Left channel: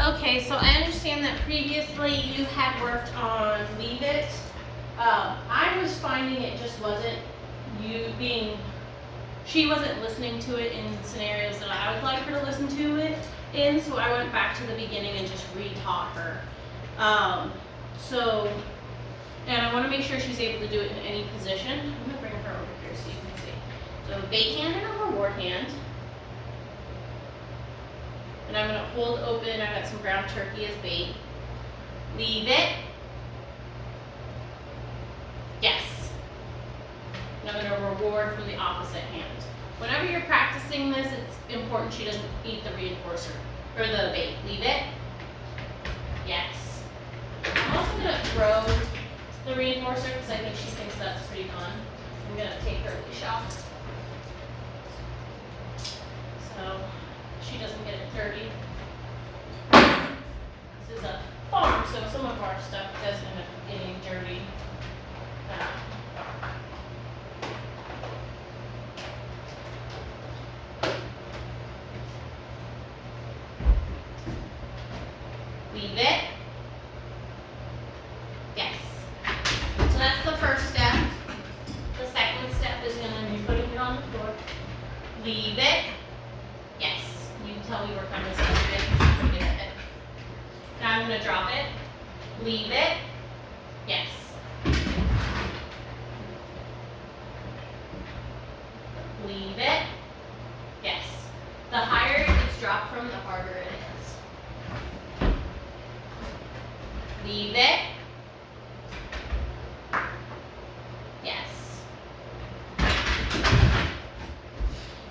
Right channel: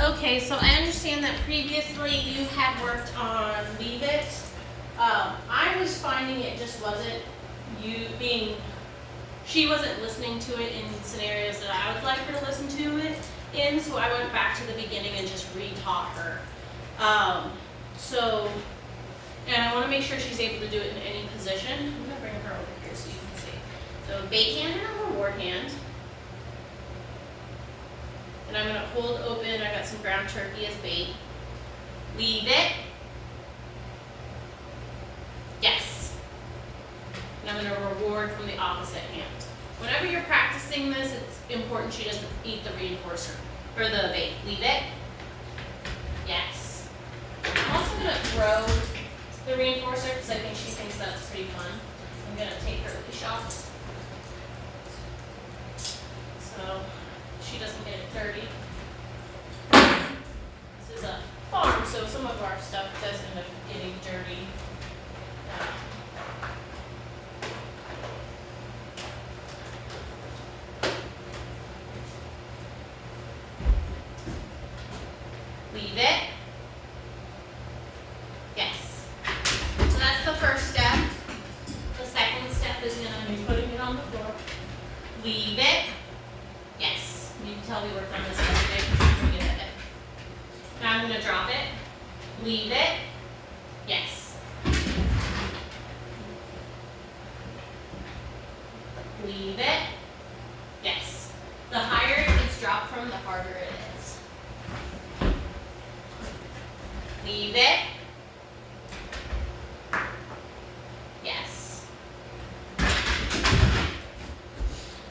Okay, so I understand that previously you had worked on Leave It. I was finding it just wasn't she wasn't listening to it in scenarios that I would like her to listen to it in, so I went back to the beginning and just re-taught her. And I want to make sure she's able to do it in any position. I'm going to bring her over here so you can see. So bait hand and a reward hand. And I'm going to hold open. I got some ground turkey as bait. Leave it. Yes. And I'm going to reward from the opposite hand. Whenever you're practicing this, it's important she doesn't eat the reinforcer or the bait. Leave it. Yes. I'm also going to throw the reinforcer because I think she thinks that's pretty fun. I'm going to take her leash off so she doesn't get it dirty. This is a farm, so some of our stuff does end up getting dirty. Leave it. Yes. So that's the first step. The second step is going to be putting it on the floor. Leave it. Yes. You can tell we worked on this yesterday. Pretty good at it. Now I'm going to drop it. Leave it. Yes. Leave it. Yes. The higher it's dropped from, the harder it is. Leave it. Yes.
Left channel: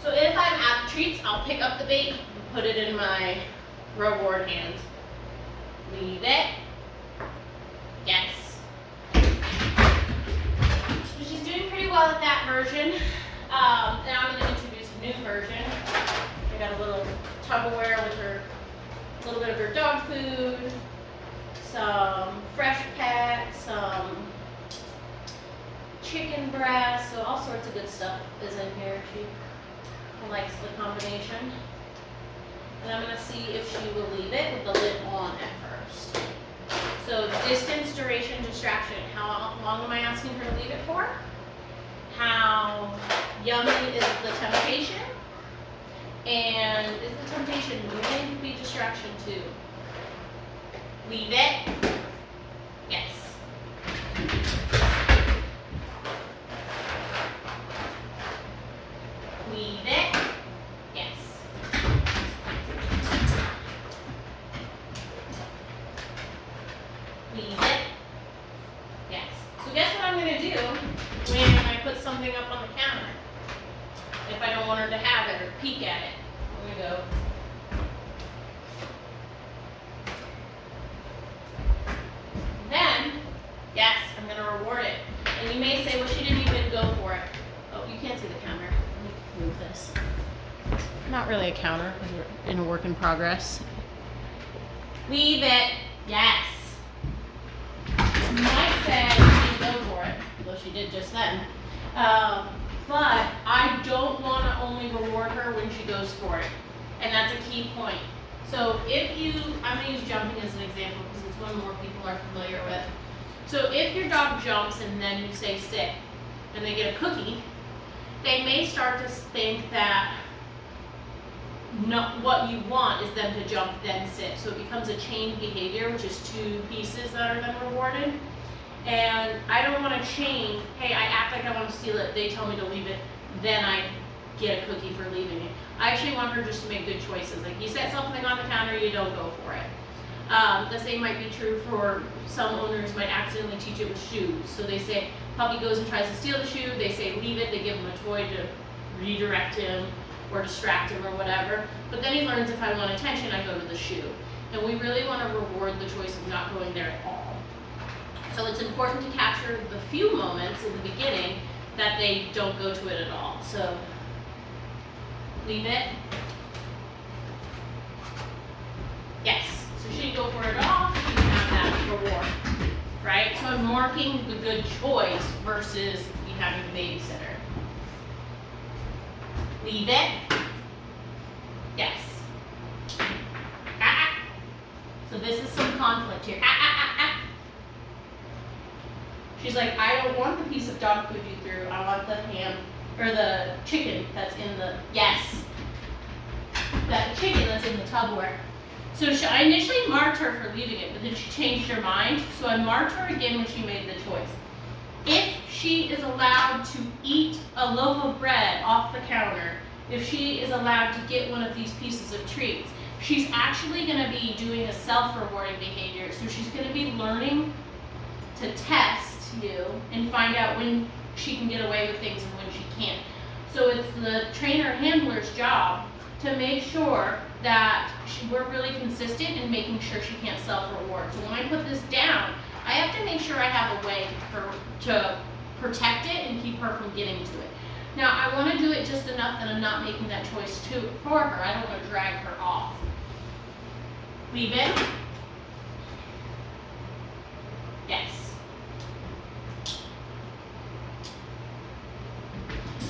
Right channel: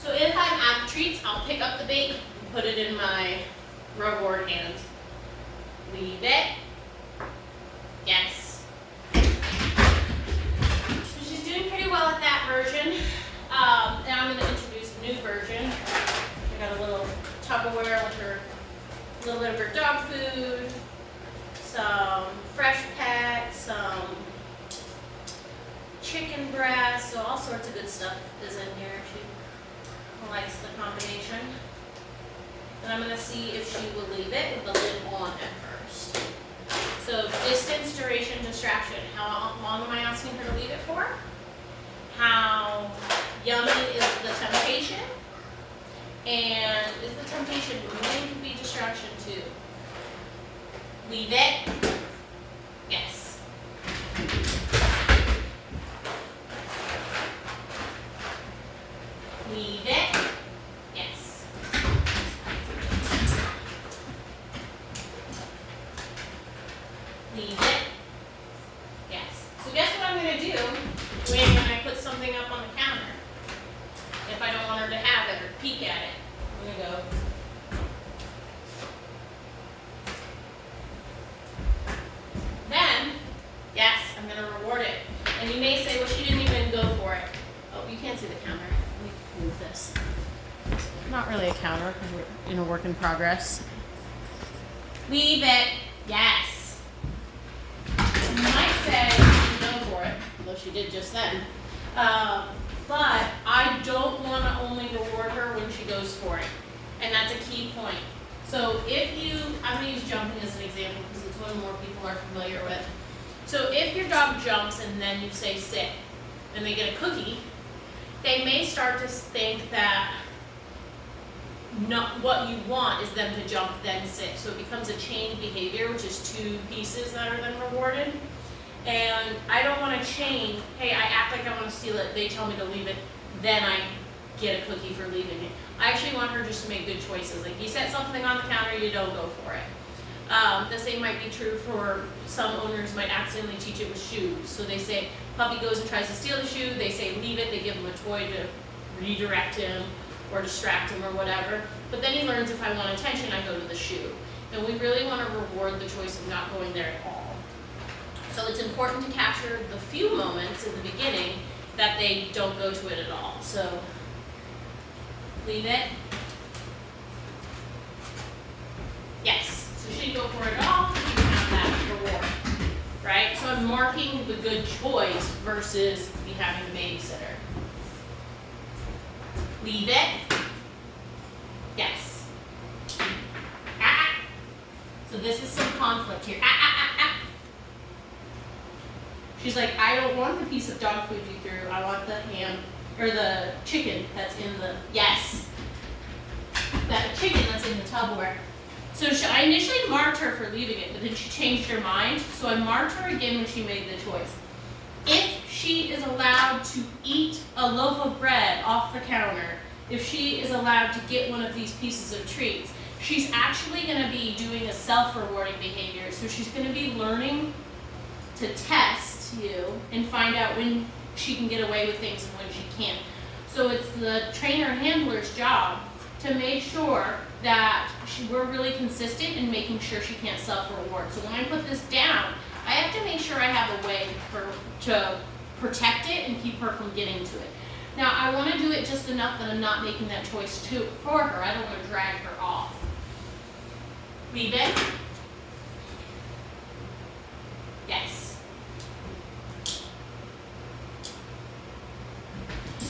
So if I'm at the treats, I'll pick up the bait and put it in my reward hand. Leave it. Yes. So she's doing pretty well at that version. Now I'm going to introduce a new version. I got a little Tupperware with her, a little bit of her dog food, some fresh pet, some chicken breast, so all sorts of good stuff is in here. She likes the combination. And I'm going to see if she will leave it with the lid on at first. So distance, duration, distraction. How long am I asking her to leave it for? How yummy is the temptation? And is the temptation going to be distraction too? Leave it. Yes. Leave it. Yes. Leave it. Yes. So guess what I'm going to do when I put something up on the counter? If I don't want her to have it or peek at it. I'm going to go. Then, yes, I'm going to reward it. And you may say, well, she didn't even go for it. Oh, you can't see the counter. Let me move this. Not really a counter because we're in a work in progress. Leave it. Yes. You might say she didn't go for it, though she did just then. But I don't want to only reward her when she goes for it. And that's a key point. So if you, I'm going to use jumping as an example because it's one more people are familiar with. So if your dog jumps and then you say sit, and they get a cookie, they may start to think that what you want is them to jump then sit. So it becomes a chained behavior, which is two pieces that are then rewarded. And I don't want to chain, hey, I act like I want to steal it, they tell me to leave it, then I get a cookie for leaving it. I actually want her just to make good choices. Like you set something on the counter, you don't go for it. The same might be true for some owners might accidentally teach it with shoes. So they say, puppy goes and tries to steal the shoe, they say leave it, they give him a toy to redirect him or distract him or whatever. But then he learns if I want attention, I go to the shoe. And we really want to reward the choice of not going there at all. So it's important to capture the few moments in the beginning that they don't go to it at all. So leave it. Yes. So she didn't go for it at all. She didn't have that reward. Right? So I'm marking the good choice versus me having a babysitter. Leave it. Yes. Ah. So this is some conflict here. Ah, ah, ah, ah. She's like, I don't want the piece of dog food you threw. I want the ham, or the chicken that's in the, yes. That chicken that's in the Tupperware. So I initially marked her for leaving it, but then she changed her mind. So I marked her again when she made the choice. If she is allowed to eat a loaf of bread off the counter, if she is allowed to get one of these pieces of treats, she's actually going to be doing a self-rewarding behavior. So she's going to be learning to test you and find out when she can get away with things and when she can't. So it's the trainer handler's job to make sure that we're really consistent in making sure she can't self-reward. So when I put this down, I have to make sure I have a way to protect it and keep her from getting to it. Now I want to do it just enough that I'm not making that choice for her. I don't want to drag her off. Leave it. Yes.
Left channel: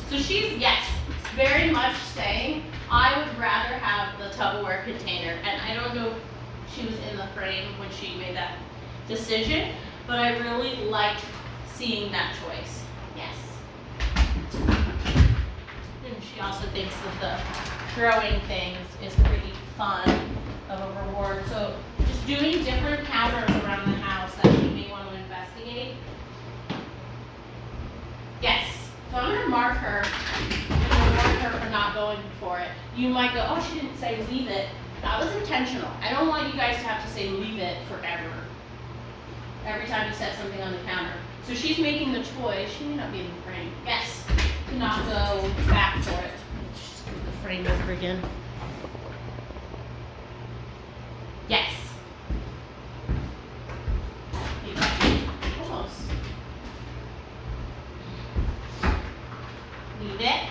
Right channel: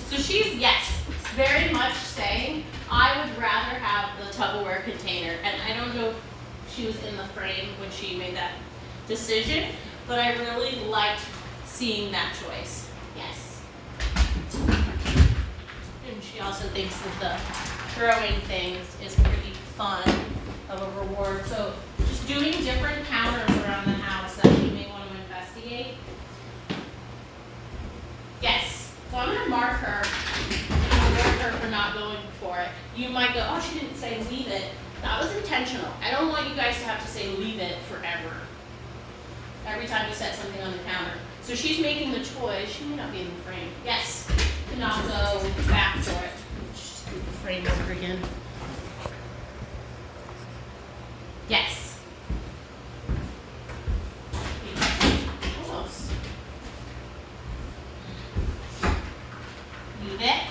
So she's, yes, very much saying, I would rather have the Tupperware container. And I don't know if she was in the frame when she made that decision, but I really liked seeing that choice. Yes. And she also thinks that the throwing things is pretty fun of a reward. So just doing different counters around the house that you may want to investigate. Yes. So I'm going to mark her. I'm going to reward her for not going for it. You might go, oh, she didn't say leave it. That was intentional. I don't want you guys to have to say leave it forever. Every time you set something on the counter. So she's making the choice. She may not be in the frame. Yes. To not go back for it. Just put the frame over again. Yes. Almost. Leave it.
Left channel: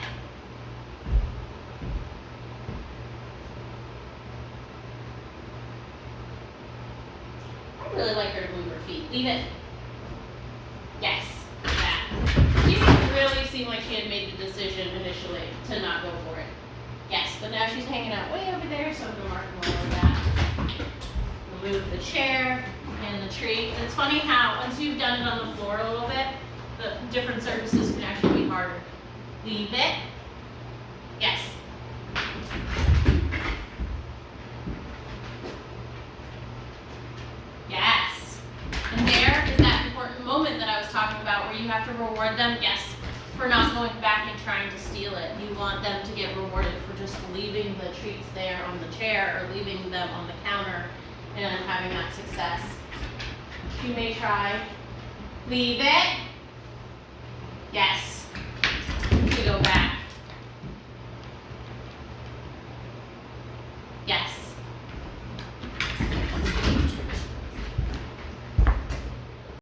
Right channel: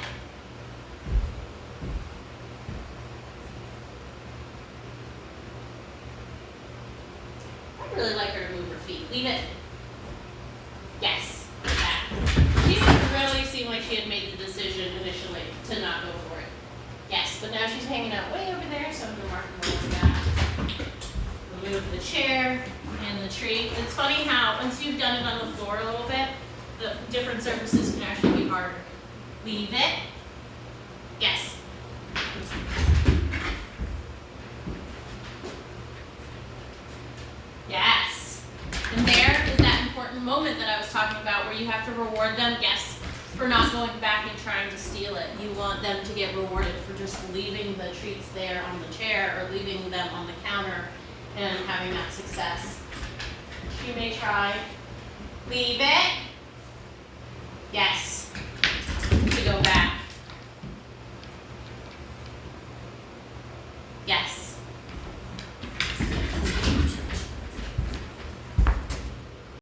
I really like her to move her feet. Leave it. Yes. Yeah. She didn't really seem like she had made the decision initially to not go for it. Yes, but now she's hanging out way over there, so I'm going to mark her over that. Remove the chair and the tree. It's funny how once you've done it on the floor a little bit, the different surfaces can actually be harder. Leave it. Yes. Yes. And there is that important moment that I was talking about where you have to reward them, yes, for not going back and trying to steal it. You want them to get rewarded for just leaving the treats there on the chair or leaving them on the counter and having that success. You may try. Leave it. Yes.